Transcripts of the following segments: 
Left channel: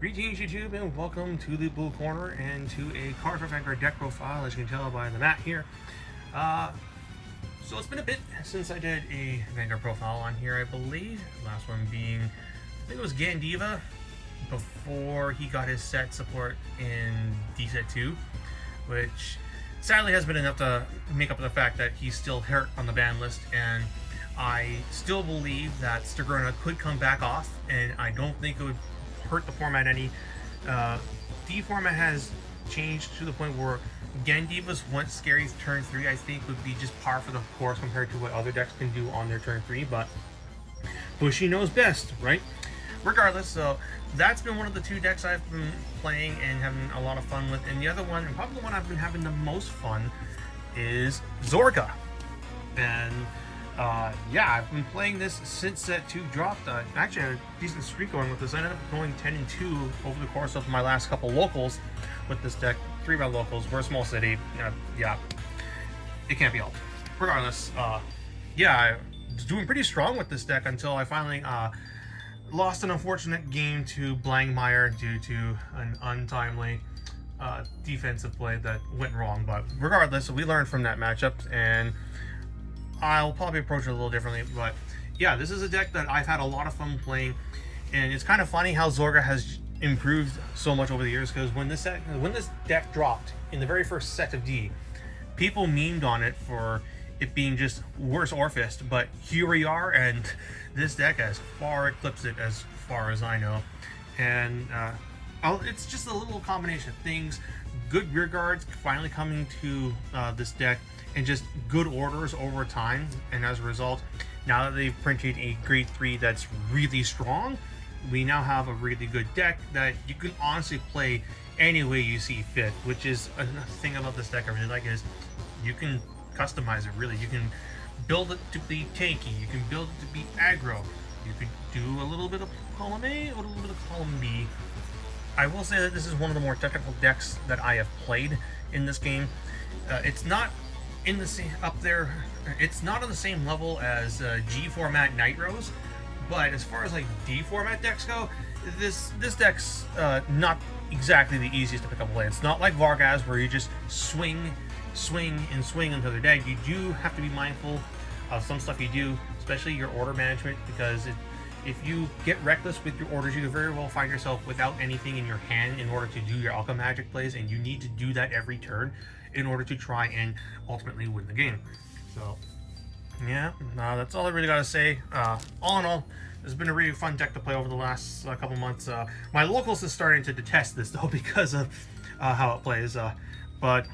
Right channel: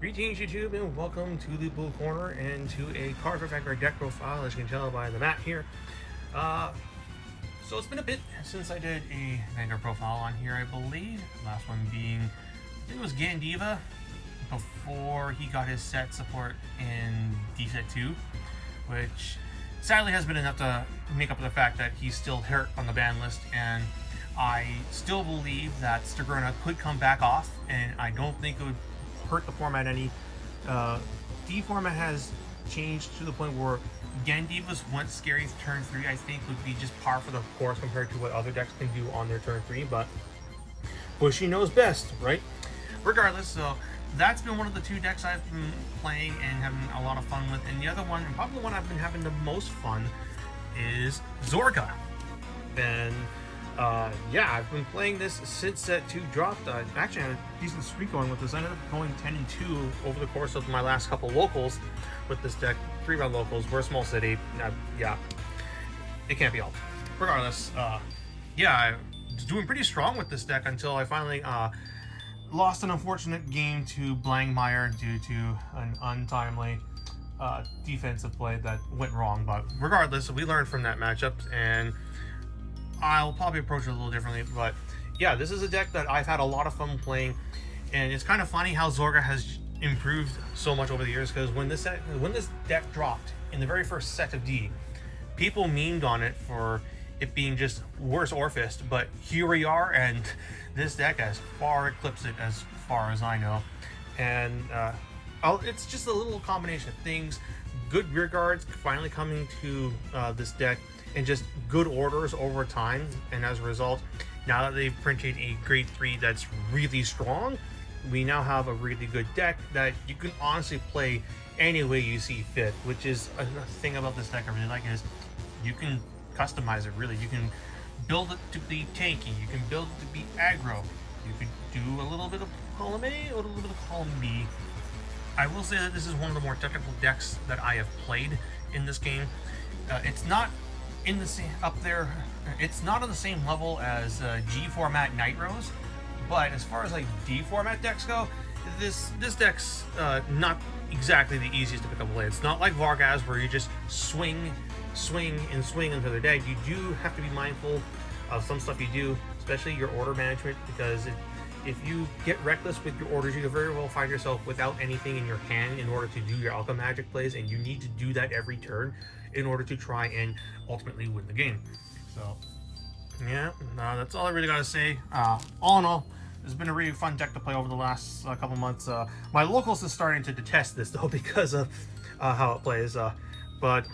Greetings YouTube and welcome to the Blue Corner and to a Cardfight Vanguard deck profile, as you can tell by the map here. So it's been a bit since I did a Vanguard profile on here, I believe. Last one being, I think it was Gandiva, before he got his set support in D-Set 2, which sadly has been enough to make up for the fact that he's still hurt on the ban list, and I still believe that Zorga could come back off, and I don't think it would hurt the format any. D format has changed to the point where Gandiva's once scary turn 3 I think would be just par for the course compared to what other decks can do on their turn 3, but Bushy knows best, right? Regardless, so that's been one of the two decks I've been playing and having a lot of fun with, and the other one, and probably the one I've been having the most fun, is Zorga. And yeah, I've been playing this since set 2 dropped. Actually, I had a decent streak going with this. I ended up going 10-2 over the course of my last couple locals with this deck. 3-round locals. We're a small city. Yeah, it can't be helped. Regardless, yeah, I was doing pretty strong with this deck until I finally lost an unfortunate game to Blangmeyer due to an untimely defensive play that went wrong. But regardless, we learned from that matchup, and I'll probably approach it a little differently. But yeah, this is a deck that I've had a lot of fun playing, and it's kind of funny how Zorga has improved so much over the years, because when this deck dropped in the very first set of D, people memed on it for it being just worse Orphist, but here we are, and this deck has far eclipsed it as far as I know. And it's just a little combination of things. Good rear guards finally coming to this deck, and just good orders over time, and as a result, now that they've printed a grade 3 that's really strong, we now have a really good deck that you can honestly play any way you see fit, which is another thing about this deck I really like, is you can customize it. Really, you can build it to be tanky, you can build it to be aggro, you can do a little bit of column A or a little bit of column B. I will say that this is one of the more technical decks that I have played in this game. It's not in the same up there. It's not on the same level as G format Nitros, but as far as like D format decks go, this deck's not exactly the easiest to pick up and play. It's not like Vargas where you just swing until they're dead. You do have to be mindful of some stuff you do, especially your order management, because if you get reckless with your orders, you can very well find yourself without anything in your hand in order to do your Alchemy Magic plays, and you need to do that every turn in order to try and ultimately win the game. So yeah, that's all I really gotta say. All in all, it's been a really fun deck to play over the last couple months. My locals is starting to detest this though because of how it plays, but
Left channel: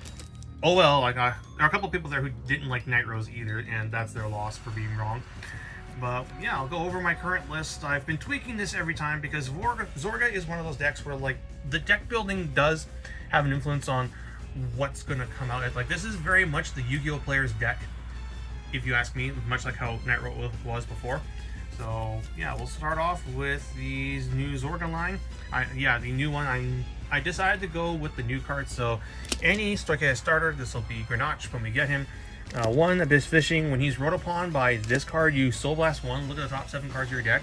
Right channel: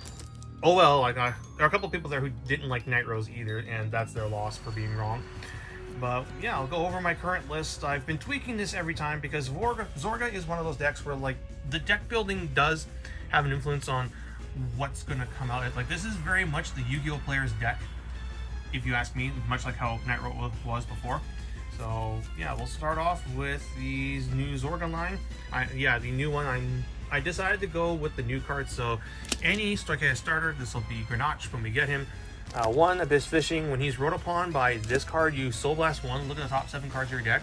oh well. Like there are a couple people there who didn't like Nitros either, and that's their loss for being wrong. But yeah, I'll go over my current list. I've been tweaking this every time because Zorga is one of those decks where like the deck building does have an influence on what's gonna come out. Like this is very much the Yu-Gi-Oh player's deck, if you ask me, much like how Nitro was before. So yeah, we'll start off with these new Zorga line. The new one. I decided to go with the new cards. So any Stoichia starter, this will be Grenache when we get him. 1 Abyss Fishing. When he's wrote upon by this card, you Soul Blast 1. Look at the top 7 cards of your deck,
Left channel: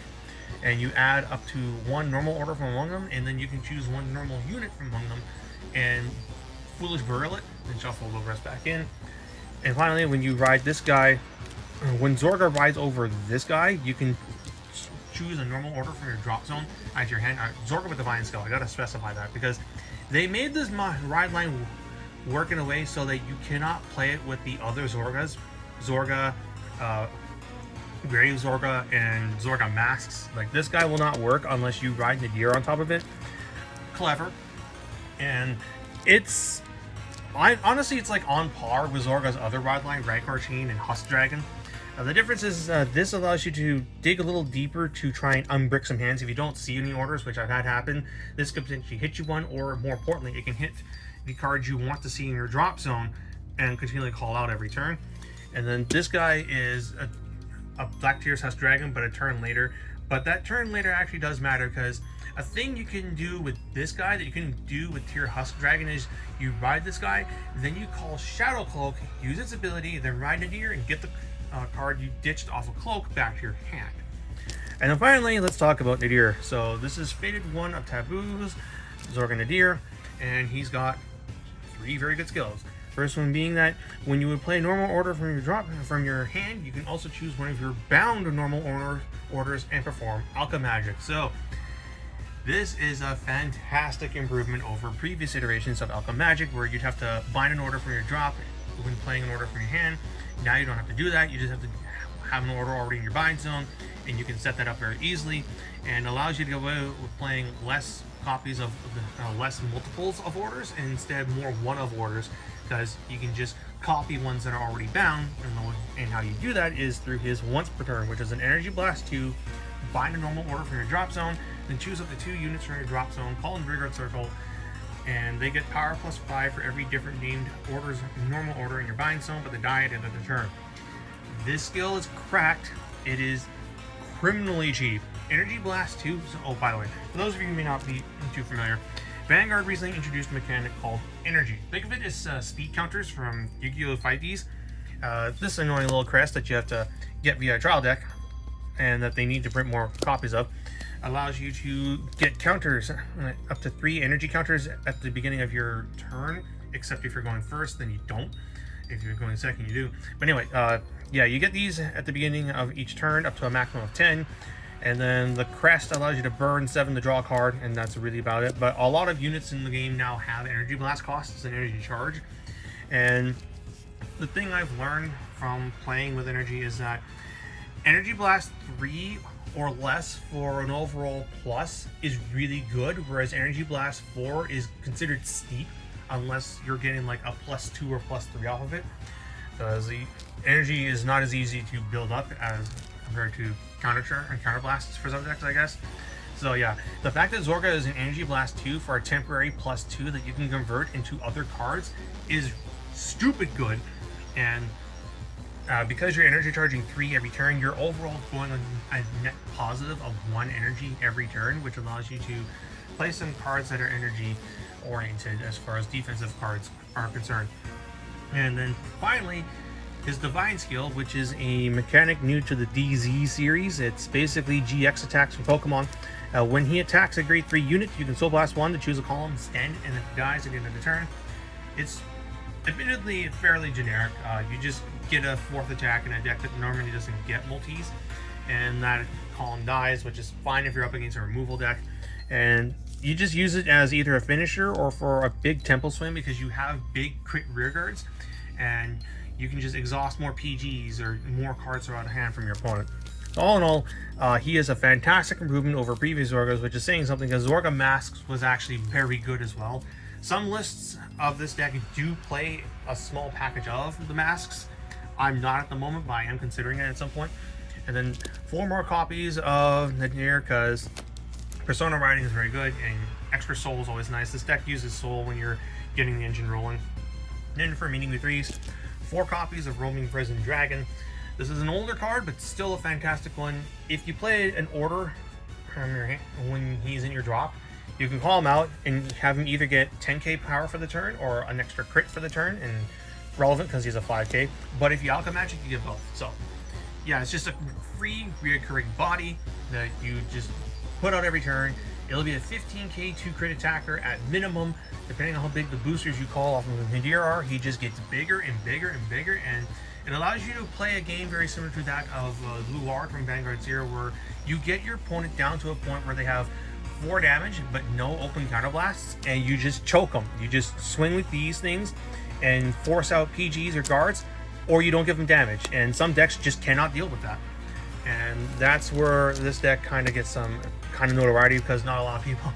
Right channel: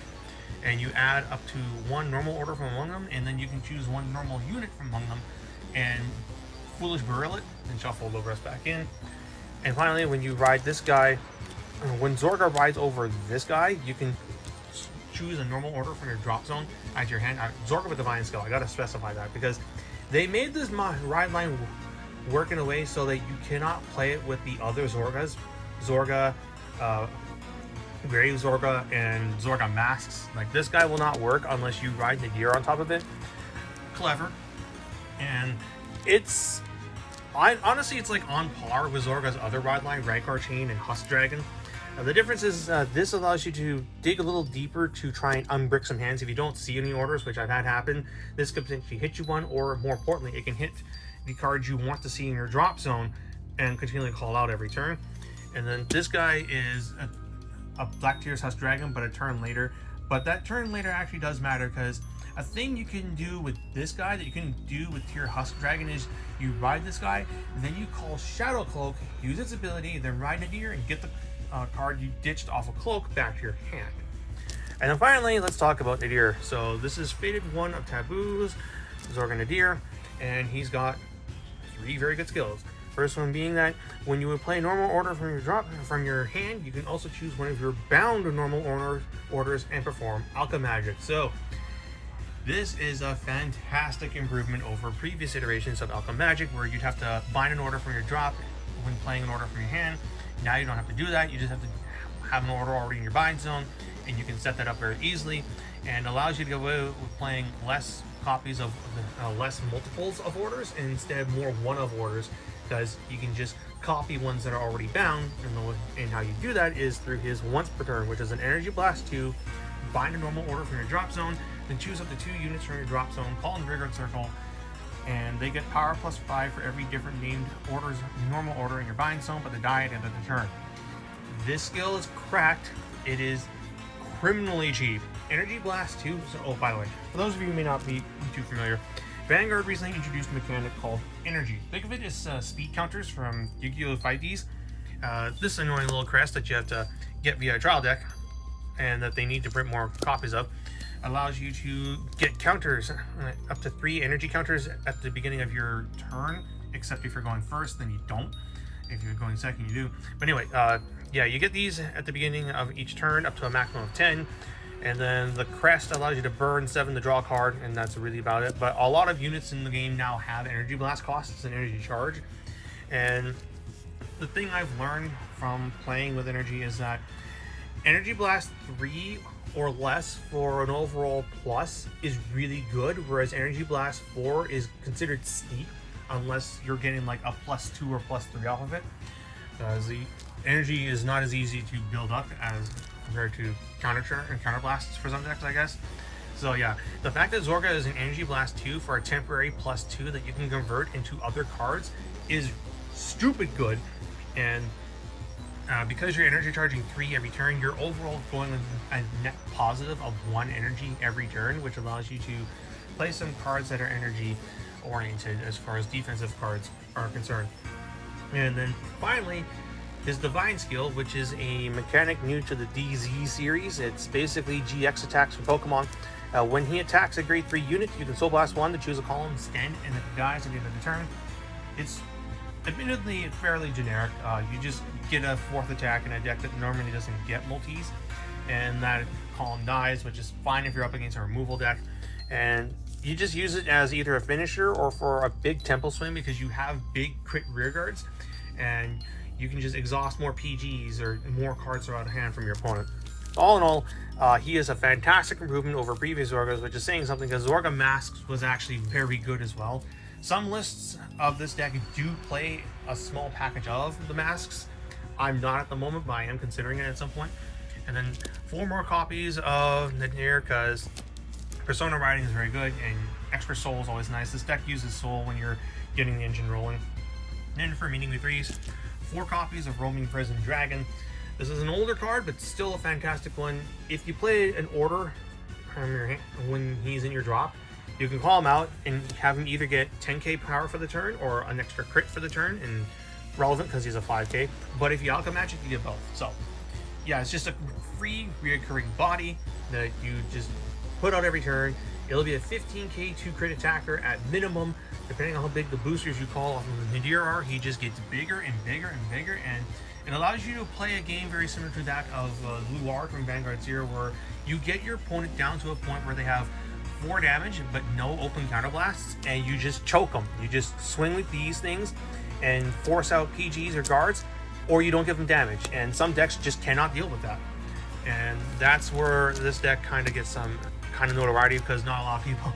and you add up to 1 normal order from among them, and then you can choose 1 normal unit from among them, and Foolish Burial it, and shuffle the rest back in. And finally, when you ride this guy, when Zorga rides over this guy, you can choose a normal order from your drop zone as your hand. Zorga with Divine Skill, I gotta specify that, because they made this ride line work in a way so that you cannot play it with the other Zorgas. Zorga, Grave Zorga, and Zorga Masks. Like this guy will not work unless you ride Nadir on top of it. Clever. And honestly, it's like on par with Zorga's other ride line, Rancor-Chain and Husk Dragon. The difference is this allows you to dig a little deeper to try and unbrick some hands. If you don't see any orders, which I've had happen, this could potentially hit you one, or more importantly, it can hit the cards you want to see in your drop zone and continually call out every turn. And then this guy is a Black Tears Husk Dragon, but a turn later. But that turn later actually does matter, because a thing you can do with this guy that you can do with Tear Husk Dragon is you ride this guy, then you call Shadow Cloak, use its ability, then ride Nadir and get the card you ditched off a cloak back to your hand. And then finally, let's talk about Nadir. So this is Fated 1 of Taboos, Zorga Nadir, and he's got 3 very good skills. First one being that when you would play normal order from your hand, you can also choose one of your bound normal orders and perform Alchemy Magic. So this is a fantastic improvement over previous iterations of Alchemy Magic, where you'd have to bind an order from your drop when playing an order from your hand. Now you don't have to do that. You just have to have an order already in your bind zone, and you can set that up very easily, and allows you to go away with playing less copies of less multiples of orders, and instead more one of orders, because you can just copy ones that are already bound. And how you do that is through his once per turn, which is an Energy Blast 2, bind a normal order from your drop zone, then choose up to 2 units from your drop zone, call in Vanguard Circle, and they get power +5 for every different named order's normal order in your bind zone, but they die at the end of the turn. This skill is cracked. It is criminally cheap. Energy Blast 2. Oh, by the way, for those of you who may not be too familiar, Vanguard recently introduced a mechanic called Energy. Think of it as speed counters from Yu-Gi-Oh! 5Ds. This annoying little crest that you have to get via trial deck, and that they need to print more copies of, allows you to get counters, up to 3 energy counters at the beginning of your turn, except if you're going first, then you don't. If you're going second, you do. But anyway, yeah, you get these at the beginning of each turn, up to a maximum of 10. And then the crest allows you to burn 7 to draw a card, and that's really about it. But a lot of units in the game now have energy blast costs and energy charge. And the thing I've learned from playing with energy is that Energy Blast 3 or less for an overall plus is really good, whereas Energy Blast 4 is considered steep unless you're getting like a +2 or +3 off of it. Because the energy is not as easy to build up as compared to counter blasts for some decks, I guess. So yeah, the fact that Zorga is an Energy Blast 2 for a temporary +2 that you can convert into other cards is stupid good. And because you're energy charging 3 every turn, you're overall going a net positive of 1 energy every turn, which allows you to play some cards that are energy oriented as far as defensive cards are concerned. And then finally, his Divine skill, which is a mechanic new to the DZ series. It's basically GX attacks from Pokemon. When he attacks a grade 3 unit, you can Soul Blast 1 to choose a column, stand, and if it dies at the end of the turn. It's admittedly fairly generic. You just get a 4th attack in a deck that normally doesn't get multis, and that column dies, which is fine if you're up against a removal deck. And you just use it as either a finisher or for a big temple swing, because you have big crit rear guards, and you can just exhaust more PGs or more cards are out of hand from your opponent. All in all, he is a fantastic improvement over previous Zorgas, which is saying something, because Zorga Masks was actually very good as well. Some lists of this deck do play a small package of the masks. I'm not at the moment, but I am considering it at some point. And then 4 more copies of Nadir, because Persona Riding is very good, and extra soul is always nice. This deck uses soul when you're getting the engine rolling. Then for meaning the 3s, 4 copies of Roaming Prison Dragon. This is an older card, but still a fantastic one. If you play an order from your hand when he's in your drop, you can call him out and have him either get 10k power for the turn or an extra crit for the turn, and relevant because he's a 5k. But if you Alchemy Magic, you get both. So yeah, it's just a free reoccurring body that you just put out every turn. It'll be a 15k 2 crit attacker at minimum. Depending on how big the boosters you call off of Nadir are, he just gets bigger and bigger and bigger, and it allows you to play a game very similar to that of Luard from Vanguard 0, where you get your opponent down to a point where they have 4 damage but no open counterblasts, and you just choke them. You just swing with these things and force out PGs or guards, or you don't give them damage, and some decks just cannot deal with that. And that's where this deck kind of gets some kind of notoriety, because not a lot of people,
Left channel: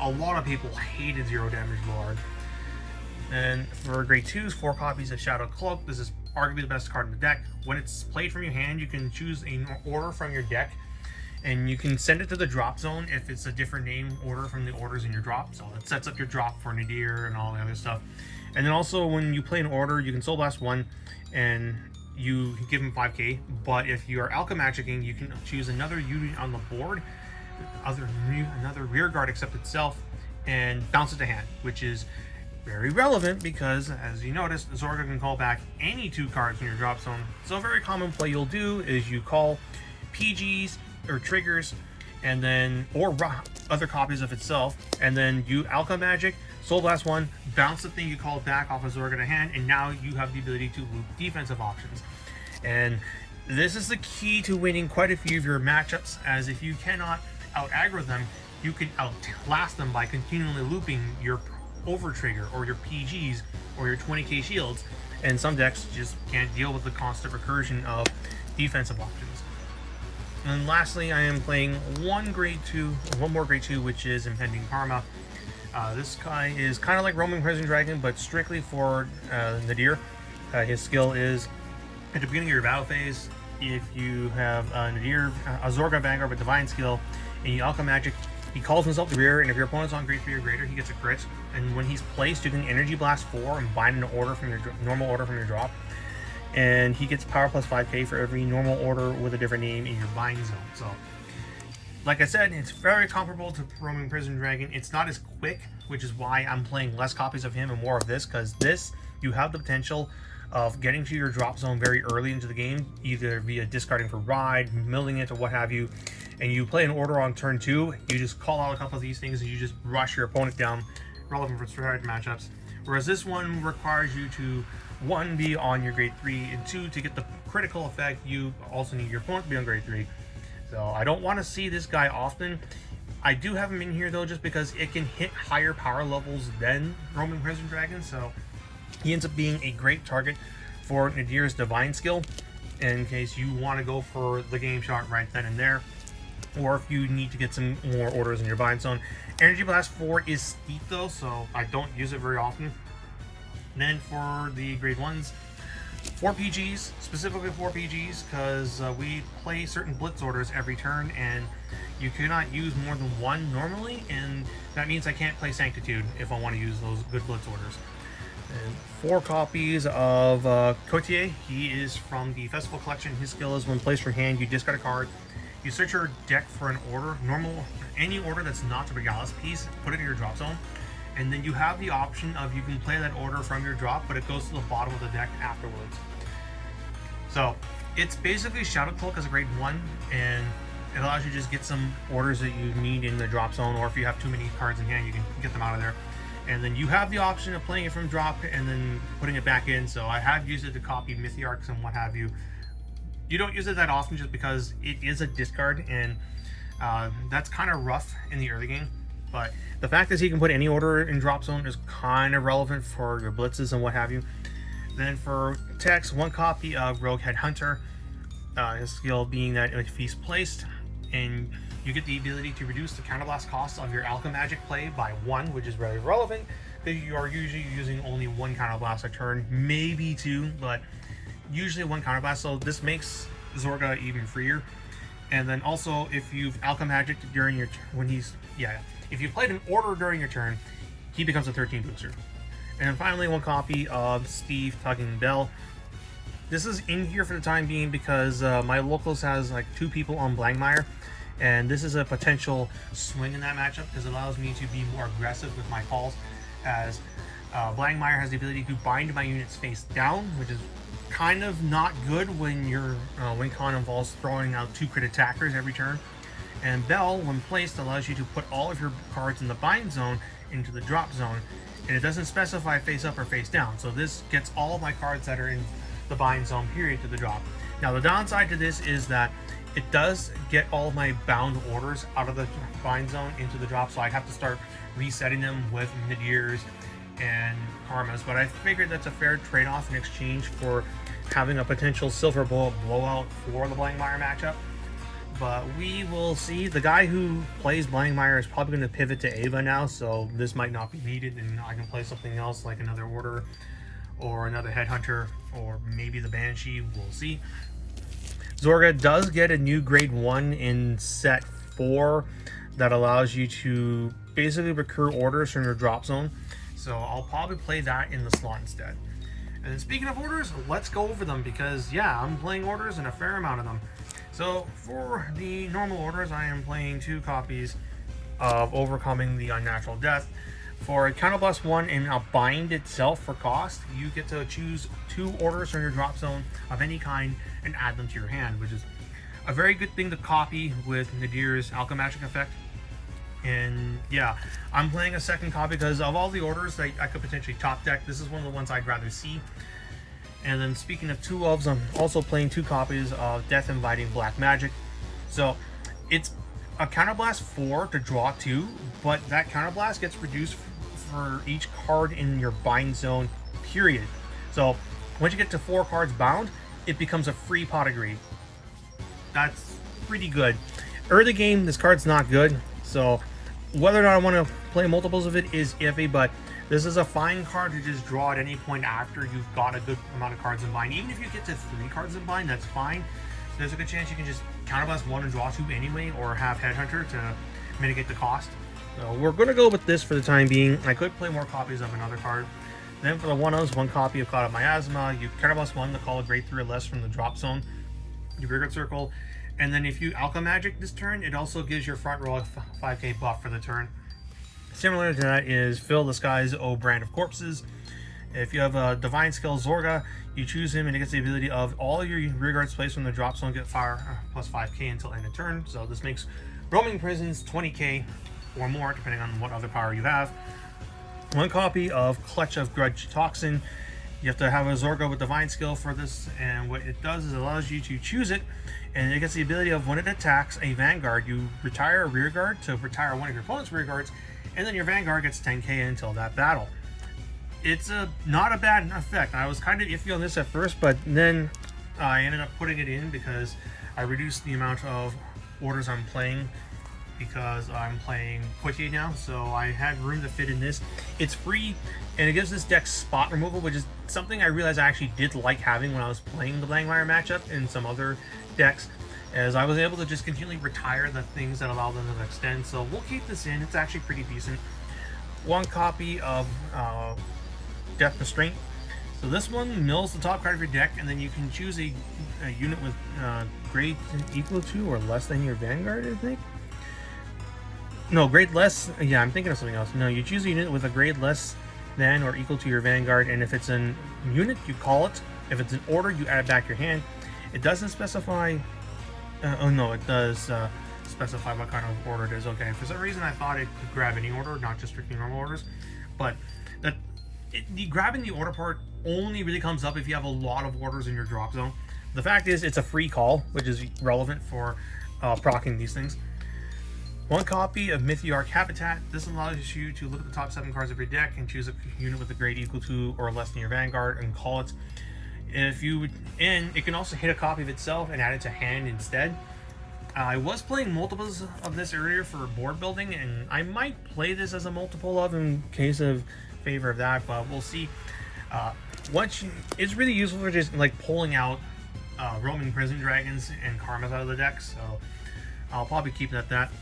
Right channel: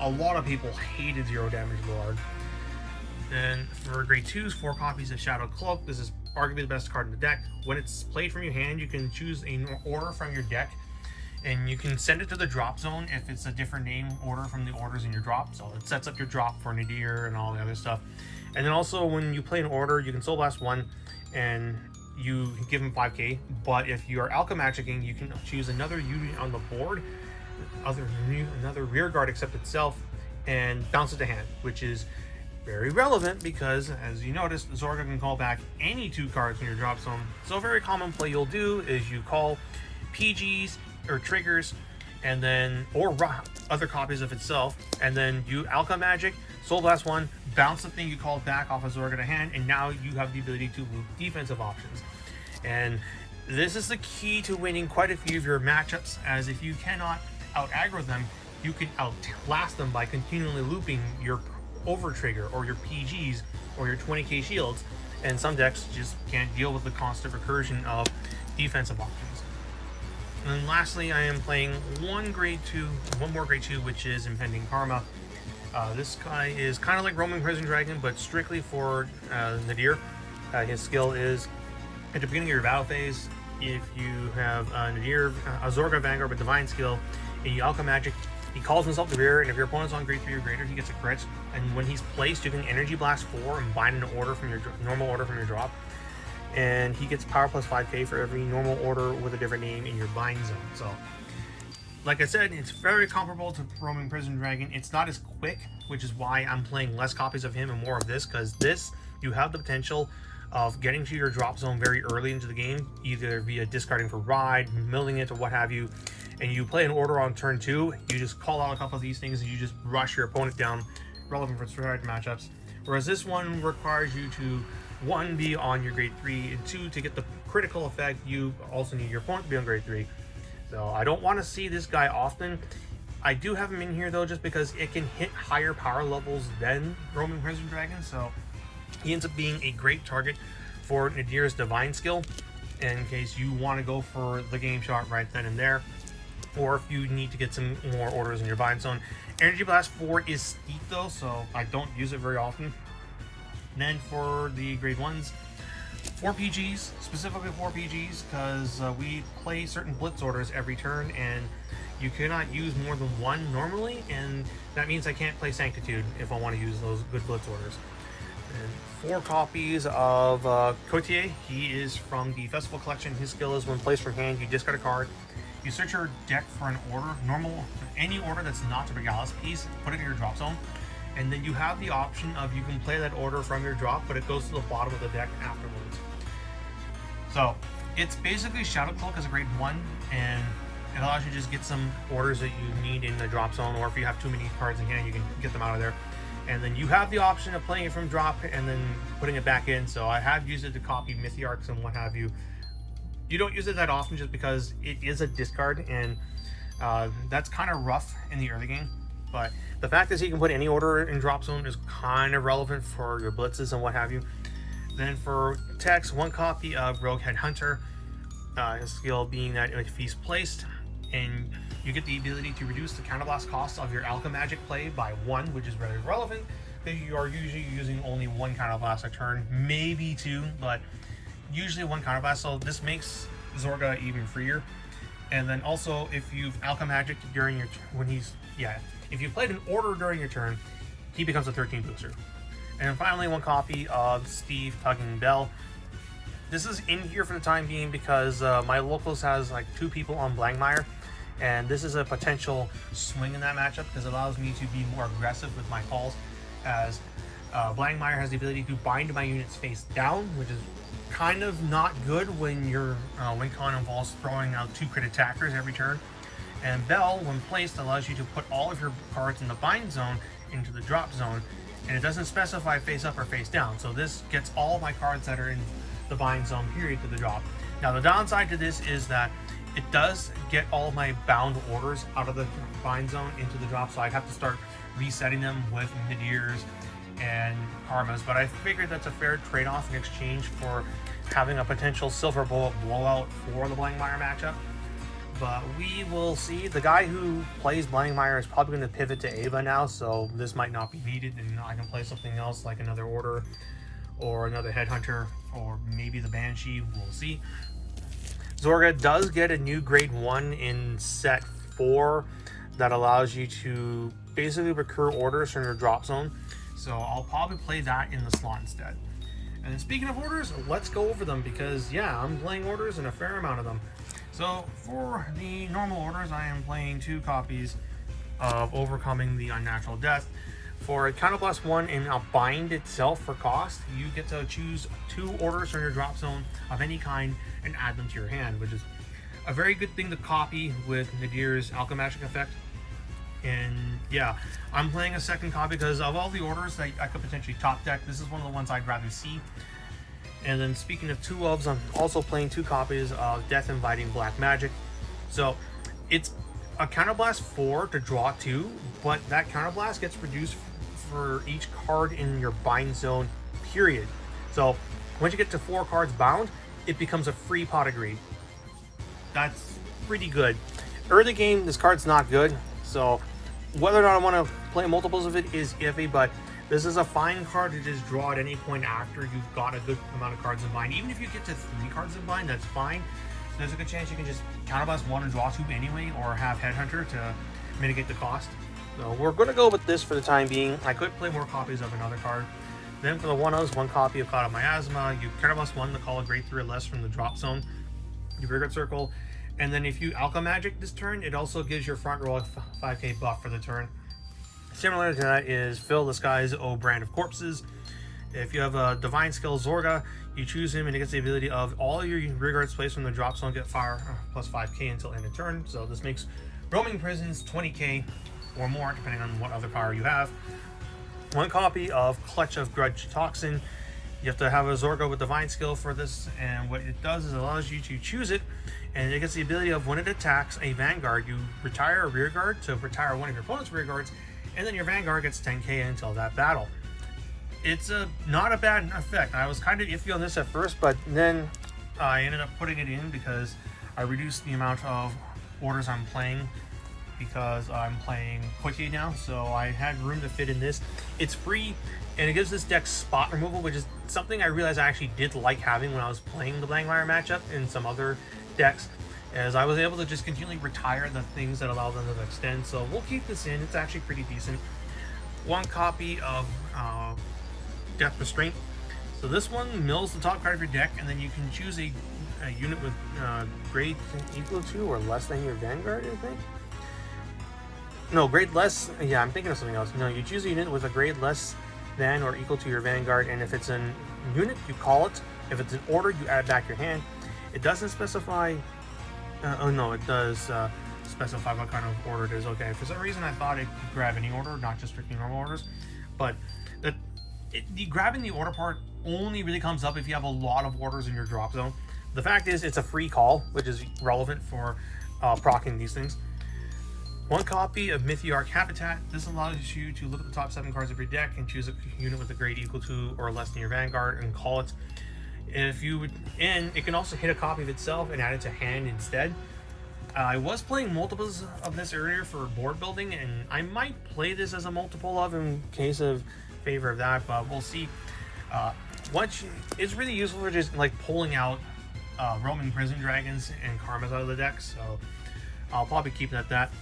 a lot of people hated 0 damage Lord. And for grade 2s, 4 copies of Shadow Cloak. This is arguably the best card in the deck. When it's played from your hand, you can choose an order from your deck, and you can send it to the drop zone if it's a different name order from the orders in your drop. So it sets up your drop for Nadir and all the other stuff. And then also when you play an order, you can Soul Blast 1 and you give him 5k. But if you are Alchemy Magicking, you can choose another unit on the board, another rear guard except itself, and bounce it to hand, which is very relevant because, as you noticed, Zorga can call back any 2 cards in your drop zone. So a very common play you'll do is you call PGs or triggers, and then other copies of itself, and then you Alka Magic, Soul Blast 1, bounce the thing you called back off of Zorga to hand, and now you have the ability to loop defensive options. And this is the key to winning quite a few of your matchups, as if you cannot out-aggro them, you can outlast them by continually looping your over trigger or your PGs or your 20k shields, and some decks just can't deal with the constant recursion of defensive options. And lastly, I am playing one more grade 2, which is Impending Karma. This guy is kind of like Roaming Prison Dragon, but strictly for Nadir. His skill is, at the beginning of your battle phase, if you have Nadir, a Zorga Vanguard with Divine skill, and you Alka Magic, he calls himself the rear, and if your opponent's on grade 3 or greater, he gets a crit. And when he's placed, you can Energy Blast 4 and bind an order from your normal order from your drop. And he gets power plus 5k for every normal order with a different name in your bind zone. So, like I said, it's very comparable to Roaming Prison Dragon. It's not as quick, which is why I'm playing less copies of him and more of this, because this, you have the potential of getting to your drop zone very early into the game, either via discarding for Ride, milling it, or what have you, and you play an order on turn 2, you just call out a couple of these things and you just rush your opponent down, relevant for strategic matchups. Whereas this one requires you to, 1, be on your grade 3, and 2, to get the critical effect, you also need your opponent to be on grade 3. So I don't want to see this guy often. I do have him in here though, just because it can hit higher power levels than Roaming Prison Dragon, so he ends up being a great target for Nadir's Divine skill, in case you want to go for the game shot right then and there, or if you need to get some more orders in your bind zone. Energy Blast 4 is steep though, so I don't use it very often. And then for the grade 1s, 4 PGs, specifically 4 PGs, because we play certain blitz orders every turn, and you cannot use more than 1 normally, and that means I can't play Sanctitude if I want to use those good blitz orders. And 4 copies of Cotier. He is from the Festival Collection. His skill is when placed from hand, you discard a card. You search your deck for an order, any order that's not a Regalis piece, put it in your drop zone, and then you have the option of you can play that order from your drop, but it goes to the bottom of the deck afterwards. So it's basically Shadow Cloak as a grade 1, and it allows you to just get some orders that you need in the drop zone, or if you have too many cards in hand, you can get them out of there. And then you have the option of playing it from drop and then putting it back in. So I have used it to copy Mythiarchs and what have you. You don't use it that often just because it is a discard, and that's kind of rough in the early game. But the fact is he can put any order in drop zone is kind of relevant for your blitzes and what have you. Then for text, 1 copy of Rogue Headhunter. His skill being that if he's placed, and you get the ability to reduce the counterblast cost of your Alka Magic play by 1, which is very relevant, because you are usually using only 1 counterblast a turn, maybe 2, but usually 1 counterblast, so this makes Zorga even freer. And then also, if you've Alka Magic during your if you played an order during your turn, he becomes a 13 booster. And finally, 1 copy of Steve Tugging Bell. This is in here for the time being because my locals has like 2 people on Blangmire, and this is a potential swing in that matchup because it allows me to be more aggressive with my calls, as Blangmire has the ability to bind my units face down, which is kind of not good when your win con involves throwing out 2 crit attackers every turn. And Bell, when placed, allows you to put all of your cards in the bind zone into the drop zone, and it doesn't specify face up or face down, so this gets all of my cards that are in the bind zone period to the drop. Now the downside to this is that it does get all of my bound orders out of the bind zone into the drop, so I have to start resetting them with Nadirs and Karmas, but I figured that's a fair trade-off in exchange for having a potential Silver Bullet blowout for the Blangmire matchup. But we will see. The guy who plays Blangmire is probably going to pivot to Ava now, so this might not be needed, and I can play something else like another Order or another Headhunter or maybe the Banshee. We'll see. Zorga does get a new grade 1 in set 4 that allows you to basically recur orders from your drop zone, so I'll probably play that in the slot instead. And speaking of orders, let's go over them, because yeah, I'm playing orders and a fair amount of them. So for the normal orders, I am playing 2 copies of Overcoming the Unnatural Death. For a Counterblast 1 and a bind itself for cost, you get to choose 2 orders from your drop zone of any kind and add them to your hand, which is a very good thing to copy with Nadir's Alchemagic effect. And yeah, I'm playing a second copy because of all the orders that I could potentially top deck, this is one of the ones I'd rather see. And then speaking of 2 ofs, I'm also playing 2 copies of Death Inviting Black Magic. So it's a Counterblast 4 to draw 2, but that Counterblast gets reduced for each card in your bind zone, period. So once you get to 4 cards bound, it becomes a free pot of greed. That's pretty good. Early game, this card's not good, so whether or not I want to play multiples of it is iffy, but this is a fine card to just draw at any point after you've got a good amount of cards in bind. Even if you get to 3 cards in bind, that's fine. There's a good chance you can just counterblast 1 and draw 2 anyway, or have Headhunter to mitigate the cost. So we're going to go with this for the time being. I could play more copies of another card. Then for the 1-ofs, 1 copy of Cloud of Miasma. You counterblast 1 to call a grade 3 or less from the drop zone. You Rearguard Circle. And then if you Alchemagic this turn, it also gives your front row a 5k buff for the turn. Similar to that is Fill the Skies, O Brand of Corpses. If you have a Divine Skill Zorga, you choose him and it gets the ability of all your rearguards placed from the drop zone get fire plus 5k until end of turn. So this makes Roaming Prisons 20k or more, depending on what other power you have. 1 copy of Clutch of Grudge Toxin. You have to have a Zorga with Divine Skill for this, and what it does is it allows you to choose it, and it gets the ability of when it attacks a Vanguard, you retire a rearguard to retire one of your opponent's rearguards, and then your Vanguard gets 10k until that battle. It's not a bad effect. I was kind of iffy on this at first, but then I ended up putting it in because I reduced the amount of orders I'm playing because I'm playing Coitier now, so I had room to fit in this. It's free, and it gives this deck spot removal, which is something I realized I actually did like having when I was playing the Blankmire matchup in some other decks, as I was able to just continually retire the things that allow them to extend. So we'll keep this in. It's actually pretty decent. 1 copy of Death Restraint. So this one mills the top card of your deck, and then you can choose a unit with grade equal to or less than your Vanguard, I think. No, grade less. Yeah, I'm thinking of something else. No, you choose a unit with a grade less than or equal to your Vanguard, and if it's a unit, you call it. If it's an order, you add it back to your hand. It doesn't specify. Oh no, it does specify what kind of order it is. Okay, for some reason I thought it could grab any order, not just strictly normal orders. But the grabbing the order part only really comes up if you have a lot of orders in your drop zone. The fact is, it's a free call, which is relevant for proccing these things. 1 copy of Mythiarch Habitat. This allows you to look at the top 7 cards of your deck and choose a unit with a grade equal to or less than your Vanguard and call it. If you would, and it can also hit a copy of itself and add it to hand instead. I was playing multiples of this earlier for board building, and I might play this as a multiple of in case of favor of that, but we'll see. It's really useful for just like pulling out Roman Prison Dragons and Karmas out of the deck, so I'll probably keep it at that.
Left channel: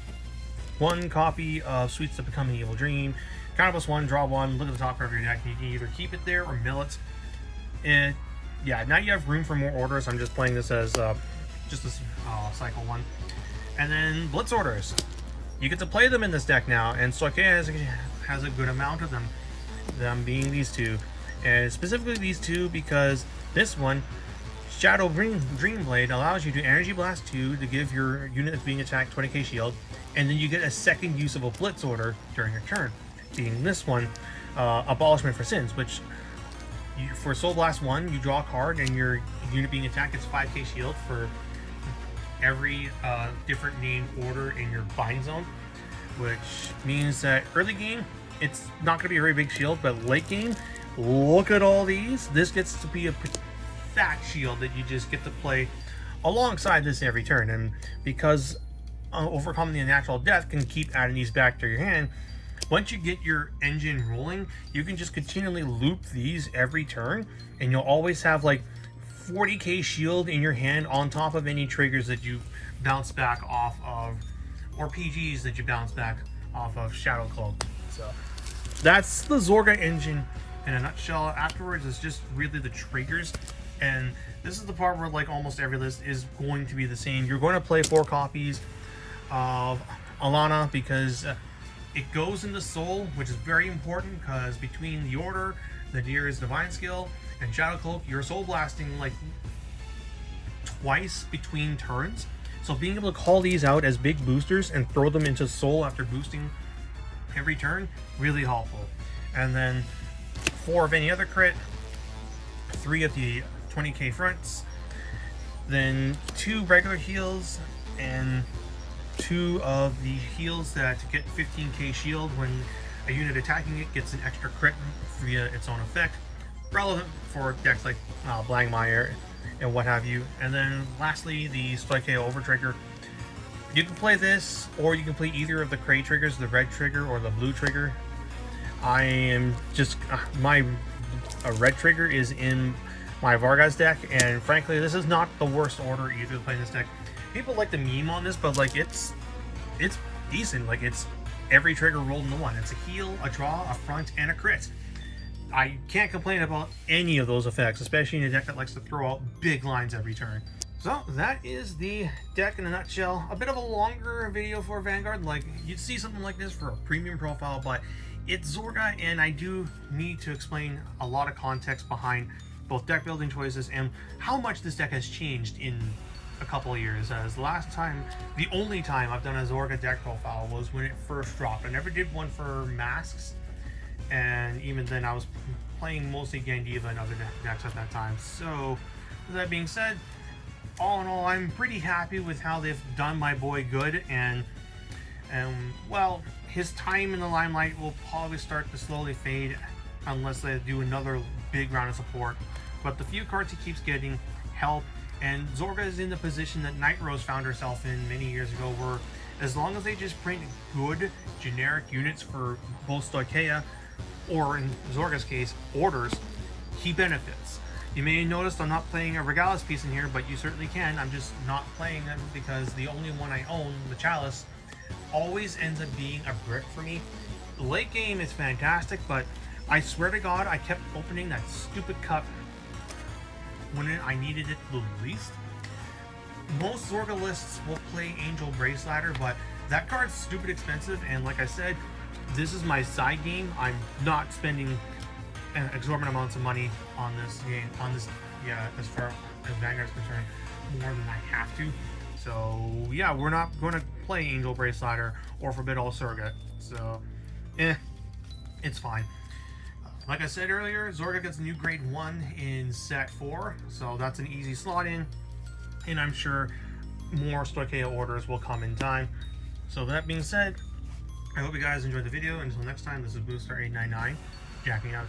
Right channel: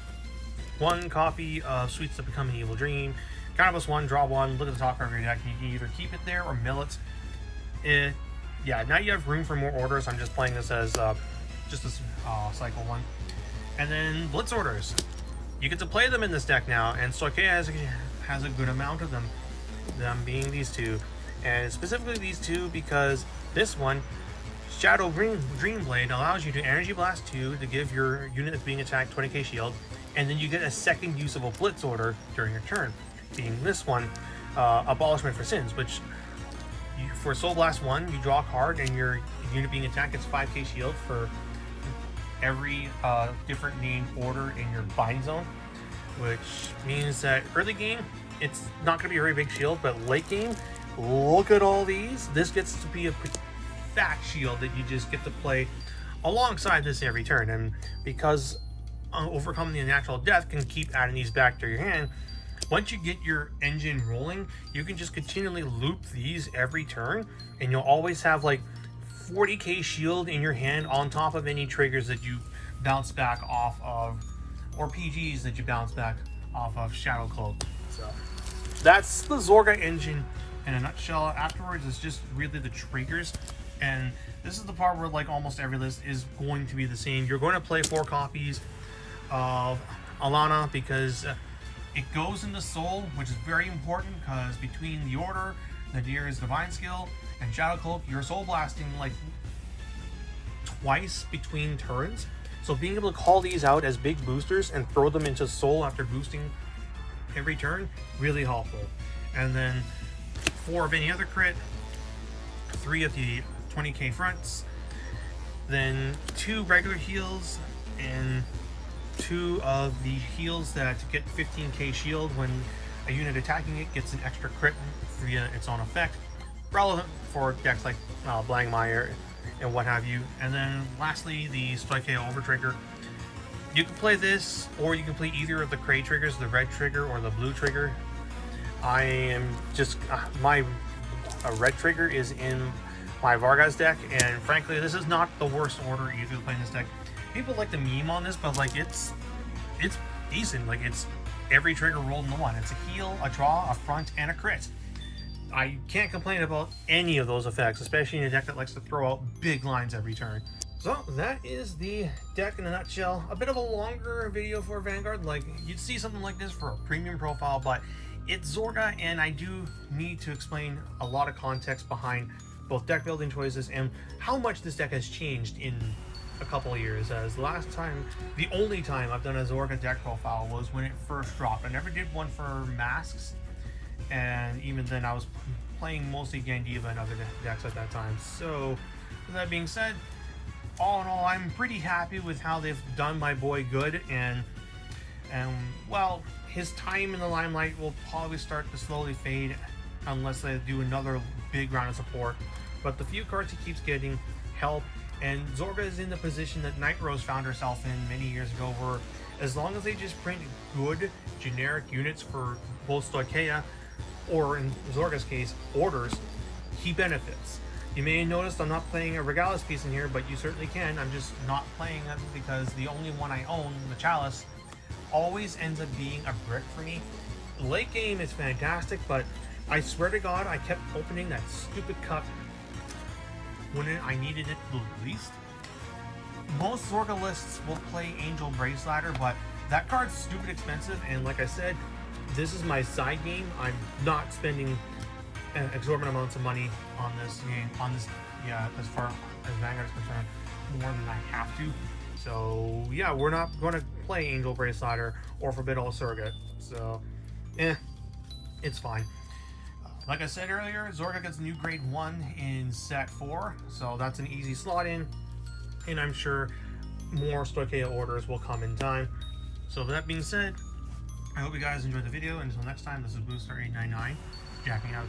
1 copy of Sweets That Become an Evil Dream. Counterblast 1, draw 1, look at the top card of your deck, and you can either keep it there or mill it. Yeah, now you have room for more orders. I'm just playing this as just a cycle 1. And then Blitz orders. You get to play them in this deck now, and Soke has a good amount of them being these 2. And specifically these 2 because this one, Shadow Dreamblade, allows you to Energy Blast 2 to give your unit that's being attacked 20k shield, and then you get a second use of a Blitz order during your turn, being this one, Abolishment for Sins, which for Soul Blast 1, you draw a card and your unit being attacked gets 5k shield for every different named order in your bind zone, which means that early game, it's not going to be a very big shield, but late game, look at all these. This gets to be a fat shield that you just get to play alongside this every turn, and because Overcoming the Unnatural Death can keep adding these back to your hand, once you get your engine rolling, you can just continually loop these every turn, and you'll always have like 40k shield in your hand on top of any triggers that you bounce back off of, or PGs that you bounce back off of Shadow Cloak. So that's the Zorga engine in a nutshell. Afterwards, it's just really the triggers, and this is the part where like almost every list is going to be the same. You're going to play 4 copies of Alana because it goes into Soul, which is very important because between the Order, Nadir's Divine Skill, and Shadow Cloak, you're Soul Blasting like twice between turns. So being able to call these out as big boosters and throw them into soul after boosting every turn, really helpful. And then 4 of any other crit, 3 of the 20k fronts, then 2 regular heals, and 2 of the heals that get 15k shield when a unit attacking it gets an extra crit via its own effect, relevant for decks like Blangmire and what have you. And then lastly, the Stoicheo Over Trigger. You can play this, or you can play either of the gray triggers, the red trigger or the blue trigger. I am just my red trigger is in my Vargas deck, and frankly, this is not the worst order either to play in this deck. People like the meme on this, but like it's decent. Like it's every trigger rolled into one. It's a heal, a draw, a front, and a crit. I can't complain about any of those effects, especially in a deck that likes to throw out big lines every turn. So that is the deck in a nutshell. A bit of a longer video for Vanguard. Like you'd see something like this for a premium profile, but it's Zorga, and I do need to explain a lot of context behind both deck building choices and how much this deck has changed in a couple of years. As the last time, the only time I've done a Zorga deck profile was when it first dropped. I never did one for masks, and even then I was playing mostly Gandiva and other decks at that time. So with that being said, all in all, I'm pretty happy with how they've done my boy good, and well, his time in the limelight will probably start to slowly fade unless they do another big round of support. But the few cards he keeps getting help, and Zorga is in the position that Night Rose found herself in many years ago, where as long as they just print good generic units for both Stoichea, or in Zorga's case, orders, he benefits. You may have noticed I'm not playing a Regalis piece in here, but you certainly can. I'm just not playing them because the only one I own, the Chalice, always ends up being a brick for me. The late game is fantastic, but I swear to God, I kept opening that stupid cup when I needed it the least. Most Zorga lists will play Angel Brace Ladder, but that card's stupid expensive, and like I said, this is my side game. I'm not spending exorbitant amounts of money on this game, as far as Vanguard is concerned, more than I have to. So yeah, we're not going to play Angel Brace Ladder or Forbid All Surrogate, so it's fine. Like I said earlier, Zorga gets a new grade 1 in set 4, so that's an easy slot in, and I'm sure more Stoicheo orders will come in time. So with that being said, I hope you guys enjoyed the video. Until next time, this is Booster899, jacking out.